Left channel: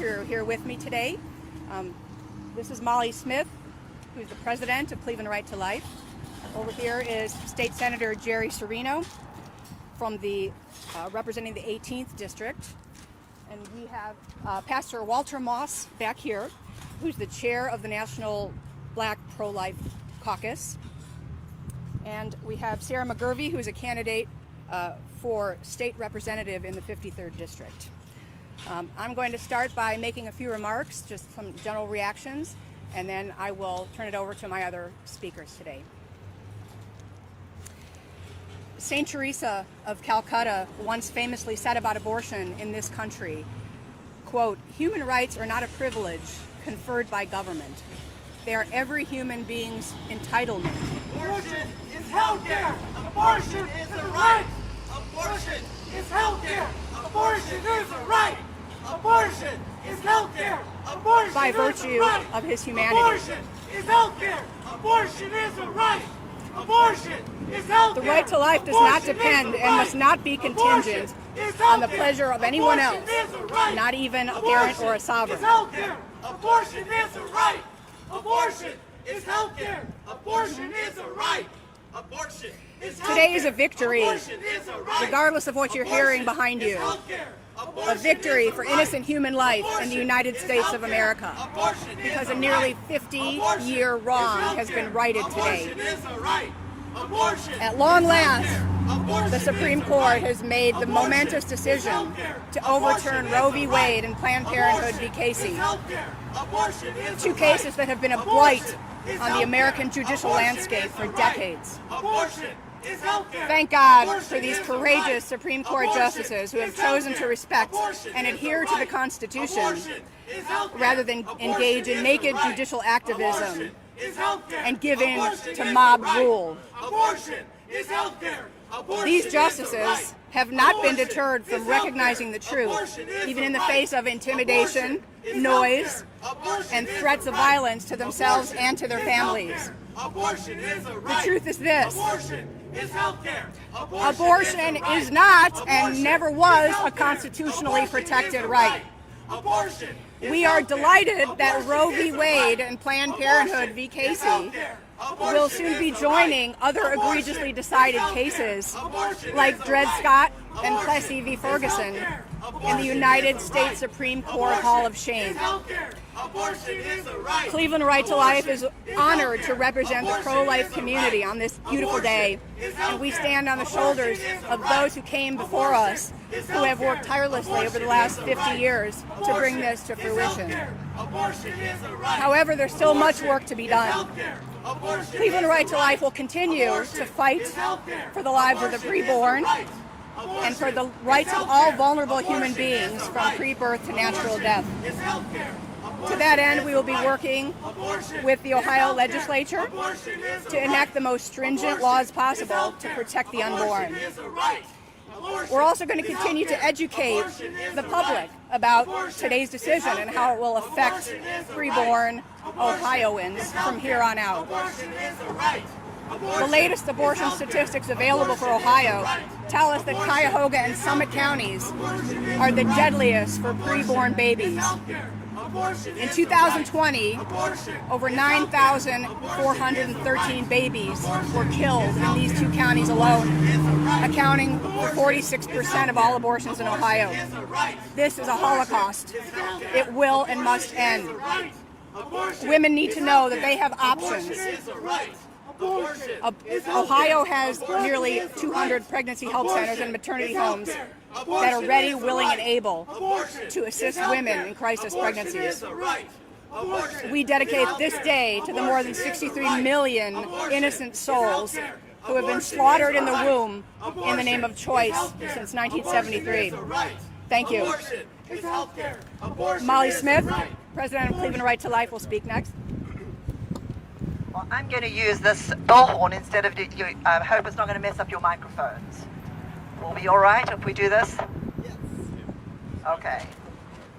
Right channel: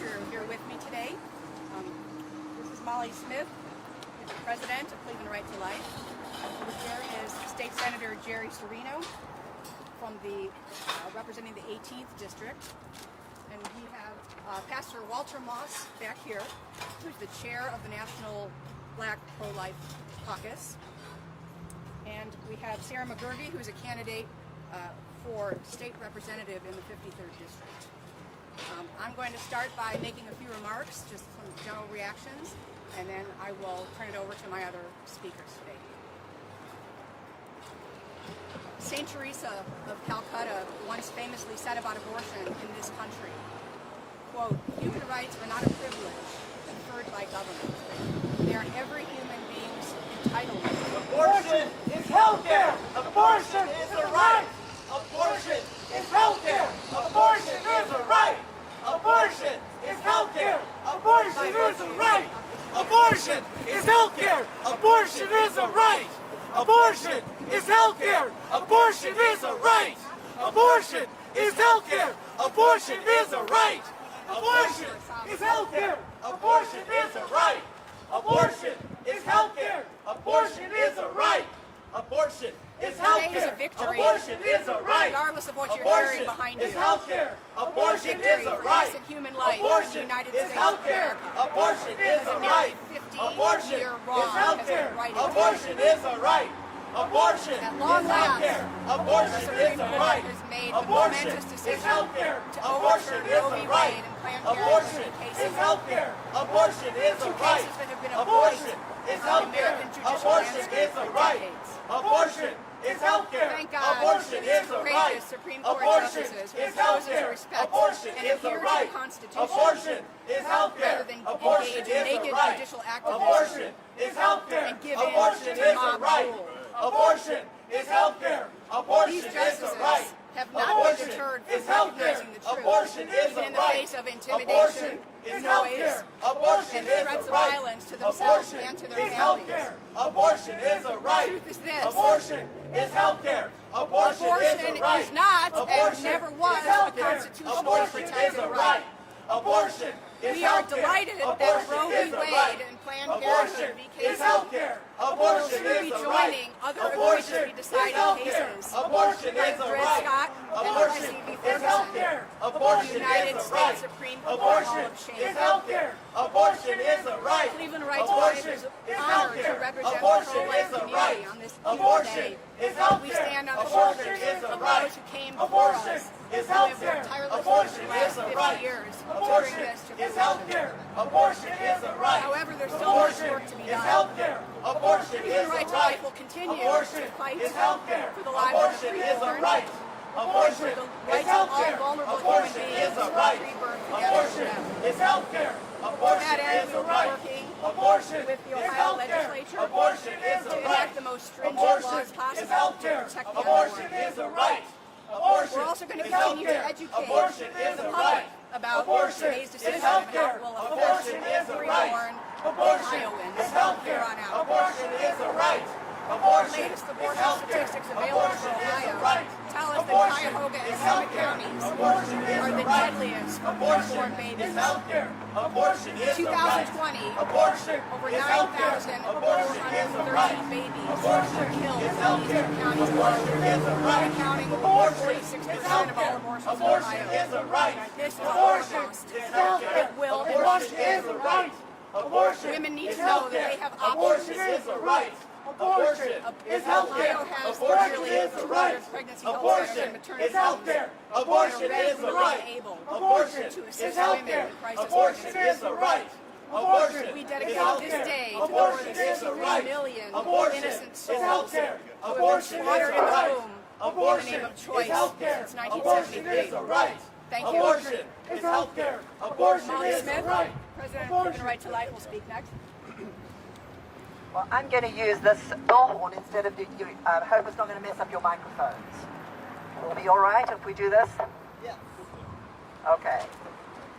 you're here with me today. This is Molly Smith, who's the president of Cleveland Right to Life. Over here is State Senator Jerry Serino from the representing the 18th district, and we have Pastor Walter Moss back here, who's the chair of the National Black Pro-Life Caucus, and we have Sarah McGurvey, who's a candidate for state representative in the 53rd district. I'm going to start by making a few remarks, just some general reactions, and then I will turn it over to my other speakers today. Saint Teresa of Calcutta once famously said about abortion in this country, quote, "Human rights are not a privilege conferred by government. They are every human being's entitlement." Abortion is healthcare. Abortion is a right. Abortion is healthcare. Abortion is a right. Abortion is healthcare. Abortion By is virtue a right. of his humanity. Abortion is healthcare. Abortion is a right. Abortion is healthcare. The right to life does not depend and must not be contingent on the pleasure of anyone else, not even a parent or a sovereign. Abortion is a right. Abortion is healthcare. Abortion is a right. Abortion is healthcare. Today is a victory, Abortion is a right. regardless of what you're hearing behind you. A victory for innocent human life in the United States of America, because a nearly 50-year wrong has been righted today. At long last, the Supreme Court has made the momentous decision to overturn Roe v. Wade and Planned Parenthood v. Casey, two cases that have been a blight on the American judicial landscape for decades. Thank God for these courageous Supreme Court justices who have chosen to respect and adhere to the Constitution rather than engage in naked judicial activism and give in to mob rule. These justices have not been deterred from recognizing the truth, even in the face of intimidation, noise, and threats of violence to themselves and to their families. The truth is this: abortion is not and never was a constitutionally protected right. We are delighted that Roe v. Wade and Planned Parenthood v. Casey will soon be joining other egregiously decided cases like Dred Scott and Plessy v. Ferguson in the United States Supreme Court Hall of Shame. Cleveland Right to Life is honored to represent the pro-life community on this beautiful day, and we stand on the shoulders of those who came before us, who have worked tirelessly over the last 50 years to bring this to fruition. However, there's still much work to be done. Cleveland Right to Life will continue to fight for the lives of the preborn and for the rights of all vulnerable human beings from pre-birth to natural death. To that end, we will be working with the Ohio legislature to enact the most stringent laws possible to protect the unborn. We're also going to continue to educate the public about today's decision and how it will affect preborn Ohioans from here on out. The latest abortion statistics available for Ohio tell us that Cuyahoga and Summit counties are the deadliest for preborn babies. In 2020, over 9,413 babies were killed in these two counties alone, accounting for 46% of all abortions in Ohio. This is a Holocaust. It will and must end. Women need to know that they have options. Ohio has nearly 200 pregnancy help centers and maternity homes that are ready, willing, and able to assist women in crisis pregnancies. We dedicate this day to the more than 63 million innocent souls who have been slaughtered in the womb in the name of choice since 1973. Thank you. Molly Smith, President of Cleveland Right to Life, will speak next. Well, I'm going to use this bullhorn instead of I hope it's not going to mess up your microphones. Will be all right if we do this? Yes. Okay.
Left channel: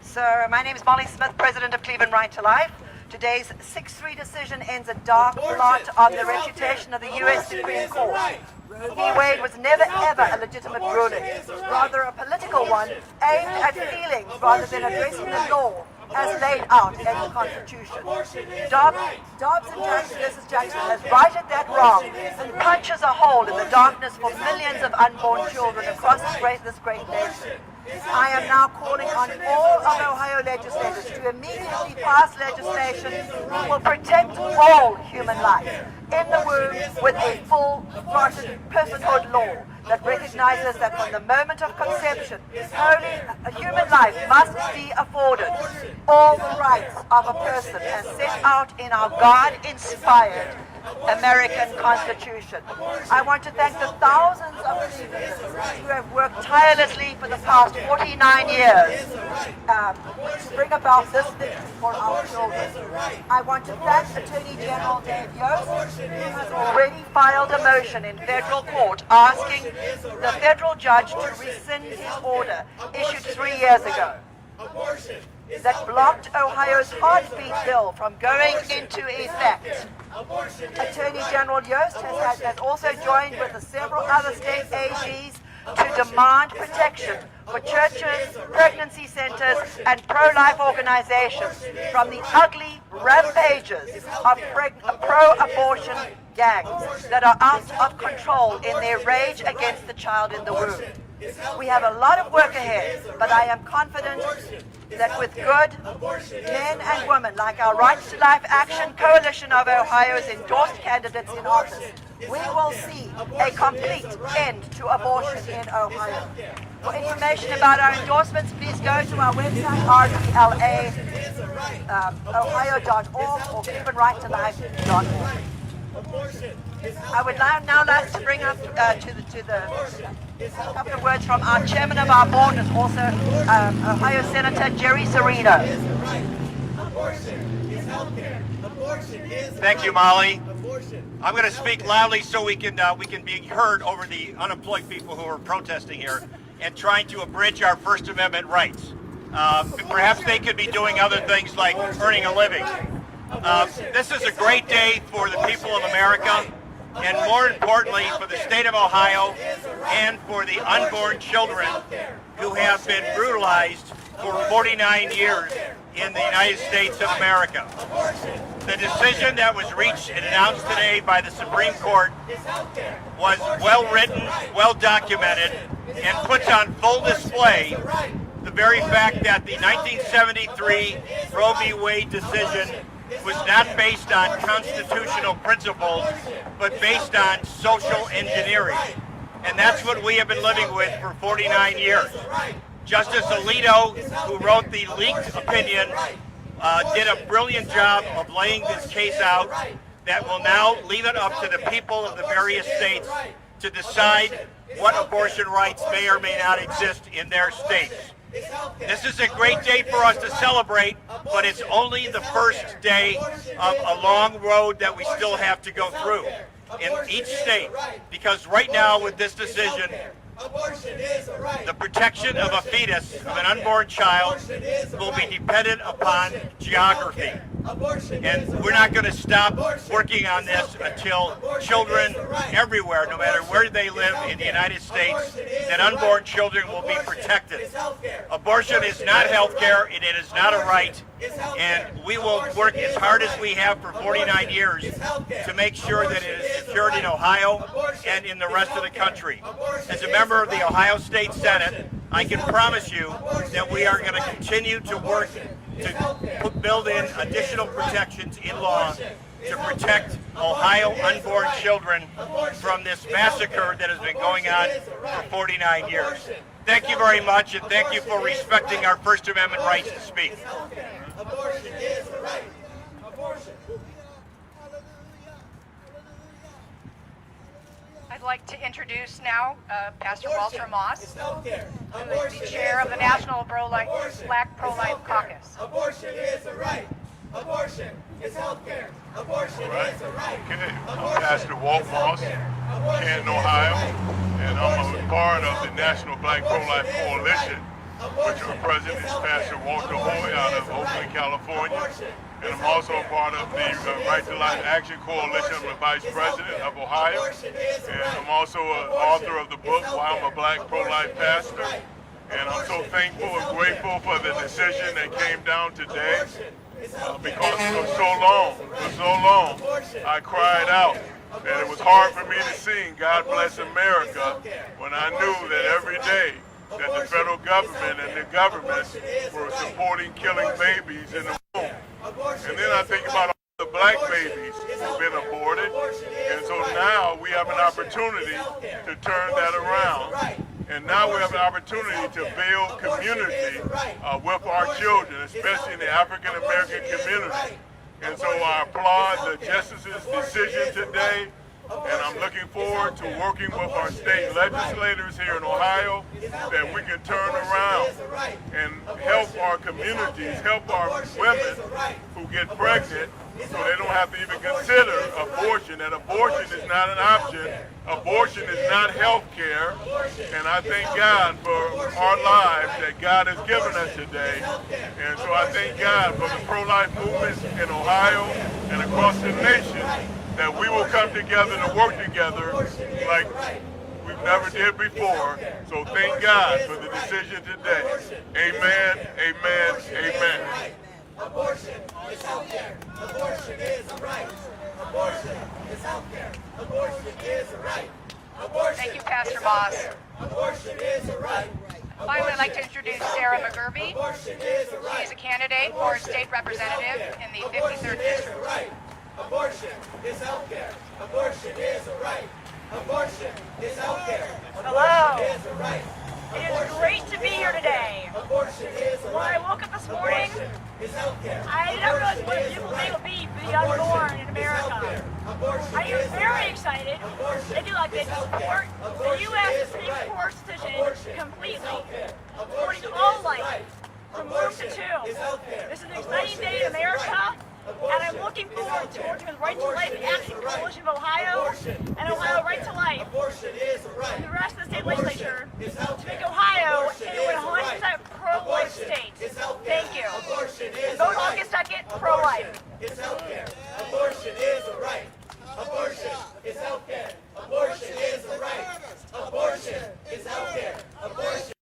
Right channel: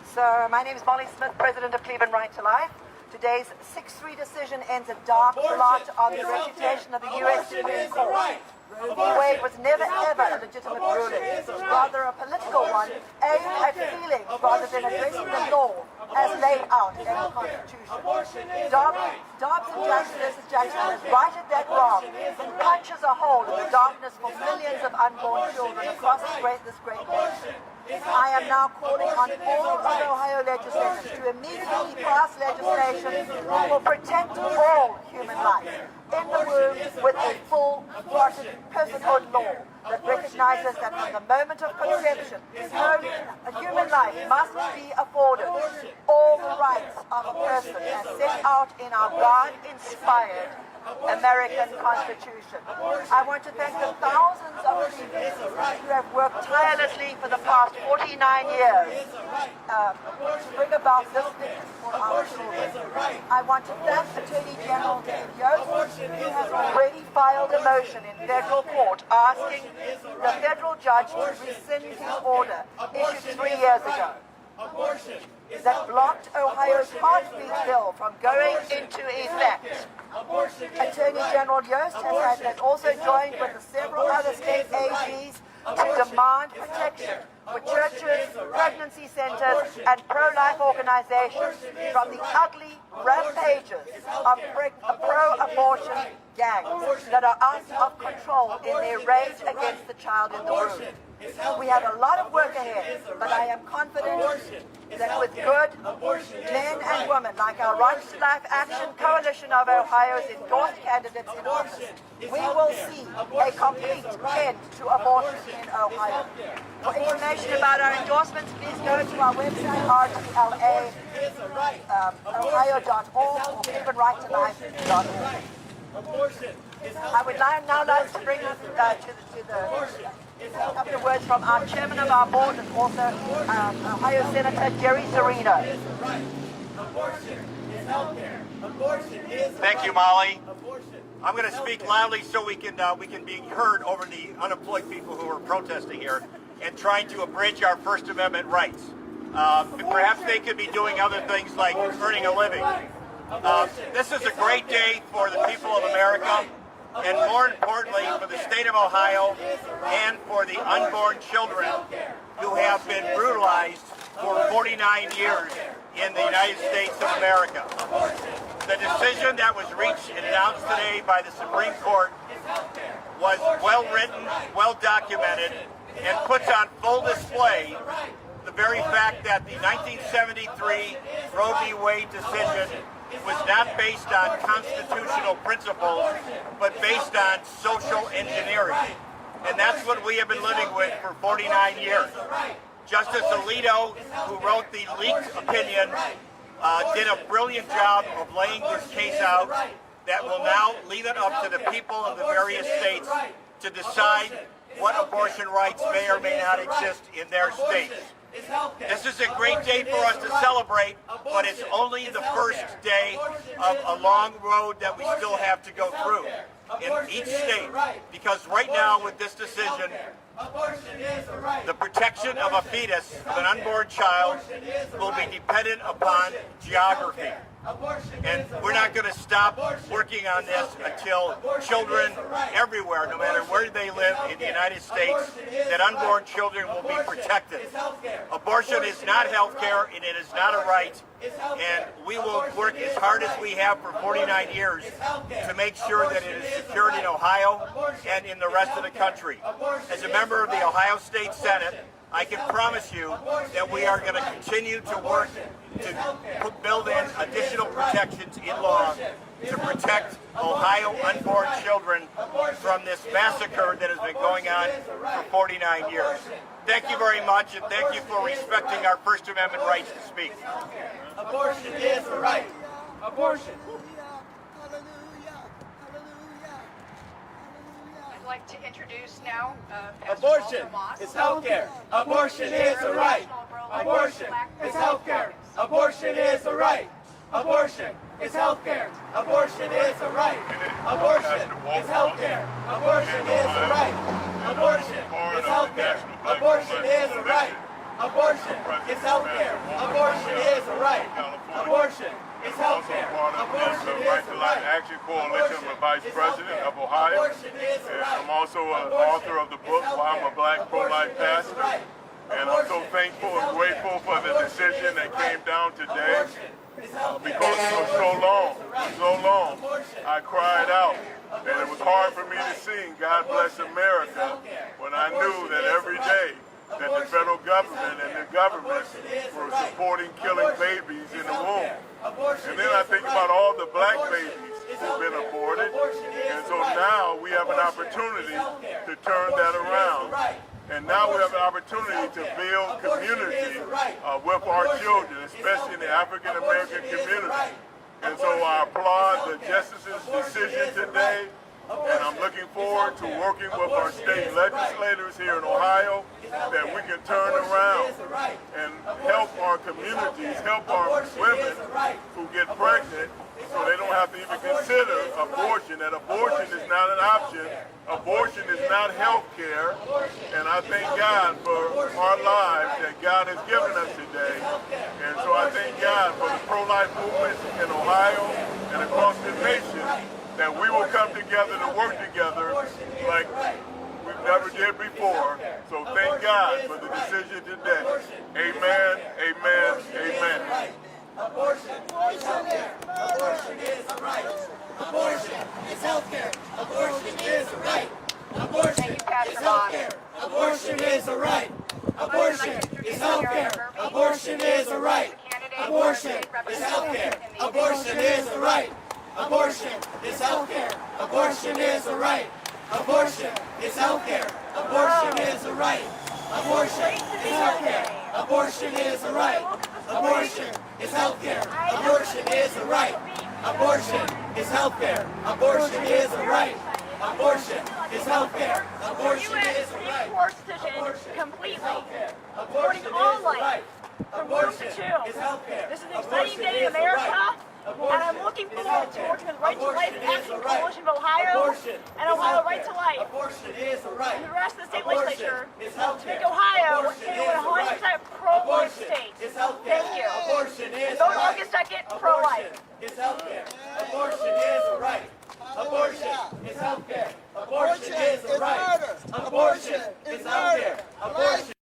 So my name is Molly Smith, President of Cleveland Right to Life. Today's 6-3 decision ends a dark blot on the reputation of the U.S. Supreme Court. Roe v. Wade was never ever a legitimate ruling, rather a political one aimed at feelings rather than addressing the law as laid out in the Constitution. Dobbs and Jackson versus Jackson has righted that wrong and punches a hole in the darkness for millions of unborn children across this great nation. I am now calling on all of Ohio legislators to immediately pass legislation that will protect all human life in the womb with a full-throated personhood law that recognizes that from the moment of conception, a human life must be afforded all the rights of a person as set out in our God-inspired American Constitution. I want to thank the thousands of students who have worked tirelessly for the past 49 years to bring about this victory for our children. I want to thank Attorney General David Yost, who has already filed a motion in federal court asking the federal judge to rescind his order issued 3 years ago that blocked Ohio's heartbeat bill from going into effect. Attorney General Yost has also joined with several other state AGs to demand protection for churches, pregnancy centers, and pro-life organizations from the ugly rampages of pro-abortion gangs that are out of control in their rage against the child in the womb. We have a lot of work ahead, but I am confident that with good men and women like our Rights to Life Action Coalition of Ohio's endorsed candidates in office, we will see a complete end to abortion in Ohio. For information about our endorsements, please go to our website, rdlaohio.org or CubanRightToLife.org. I would now like to bring up a couple of words from our chairman of our board and also Ohio Senator Jerry Serino. Thank you, Molly. I'm going to speak loudly so we can be heard over the unemployed people who are protesting here and trying to abridge our First Amendment rights. Perhaps they could be doing other things like earning a living. This is a great day for the people of America, and more importantly for the state of Ohio and for the unborn children who have been brutalized for 49 years in the United States of America. The decision that was reached and announced today by the Supreme Court was well written, well documented, and puts on full display the very fact that the 1973 Roe v. Wade decision was not based on constitutional principles, but based on social engineering. And that's what we have been living with for 49 years. Justice Alito, who wrote the leaked opinion, did a brilliant job of laying this case out that will now leave it up to the people of the various states to decide what abortion rights may or may not exist in their states. This is a great day for us to celebrate, but it's only the first day of a long road that we still have to go through in each state, because right now with this decision, the protection of a fetus, of an unborn child, will be dependent upon geography. And we're not going to stop working on this until children everywhere, no matter where they live in the United States, that unborn children will be protected. Abortion is not health care, it is not a right, and we will work as hard as we have for 49 years to make sure that it is secured in Ohio and in the rest of the country. As a member of the Ohio State Senate, I can promise you that we are going to continue to work to build in additional protections in law to protect Ohio unborn children from this massacre that has been going on for 49 years. Thank you very much, and thank you for respecting our First Amendment rights to speak. Abortion is a right. Abortion. I'd like to introduce now Pastor Abortion Walter Moss, is healthcare. Abortion Chair is of a the right. National Pro-Life Abortion Black is Pro-Life healthcare. Caucus. Abortion is a right. Abortion is healthcare. Abortion is a right. Abortion Pastor Walter is Moss healthcare. here Abortion in is a Ohio, right. and I'm a part of the National Black Pro-Life Coalition. Abortion Your president is is Pastor healthcare. Walter Abortion Moss out is of a right. Oakland, California. Abortion And is I'm I'm also a part of the Right to Life Action Coalition. I'm the Vice President of Ohio. And I'm also an author of the book, Why I'm a Black Pro-Life Pastor. And I'm so thankful and grateful for the decision that came down today. Because for so long, I cried out that it was hard for me to sing God Bless America when I knew that every day that the federal government and the government were supporting killing babies in the womb. And then I think about all the black babies who've been aborted. And so now we have an opportunity to turn that around. And now we have an opportunity to build community with our children, especially in the African American community. And so I applaud the Justice's decision today. And I'm looking forward to working with our state legislators here in Ohio that we can turn around and help our communities, help our women who get pregnant so they don't have to even consider abortion, that abortion is not an option. Abortion is not health care. And I thank God for our lives that God has given us today. And so I thank God for the pro-life movement in Ohio and across the nation, that we will come together to work together like we've never did before. So thank God for the decision today. Amen, amen, amen. Abortion is health care. Abortion is a right. Abortion is health care. Abortion is a right. Abortion Thank you, Pastor is Moss. health care. Abortion is a right. I would like to introduce Sarah McGurvey. Abortion is a right. She's a candidate for state representative in the Abortion is a right. Abortion is health care. Abortion is a right. Abortion is health care. Abortion is a right. It's great to be here today. Abortion is a right. I woke up this morning. Abortion is health care. I never Abortion thought is it a would right. be Abortion unborn in is America. health care. Abortion I is am a very right. excited. Abortion If you look is at health care. the Abortion U.S. is a Supreme right. Court decision Abortion completely Abortion supporting all is a life right. from birth Abortion to two. is health care. This is an exciting day in America, and I'm looking forward to working with Right to Life Action Coalition of Ohio and Ohio Right to Life Abortion is a right. and the rest of the state Abortion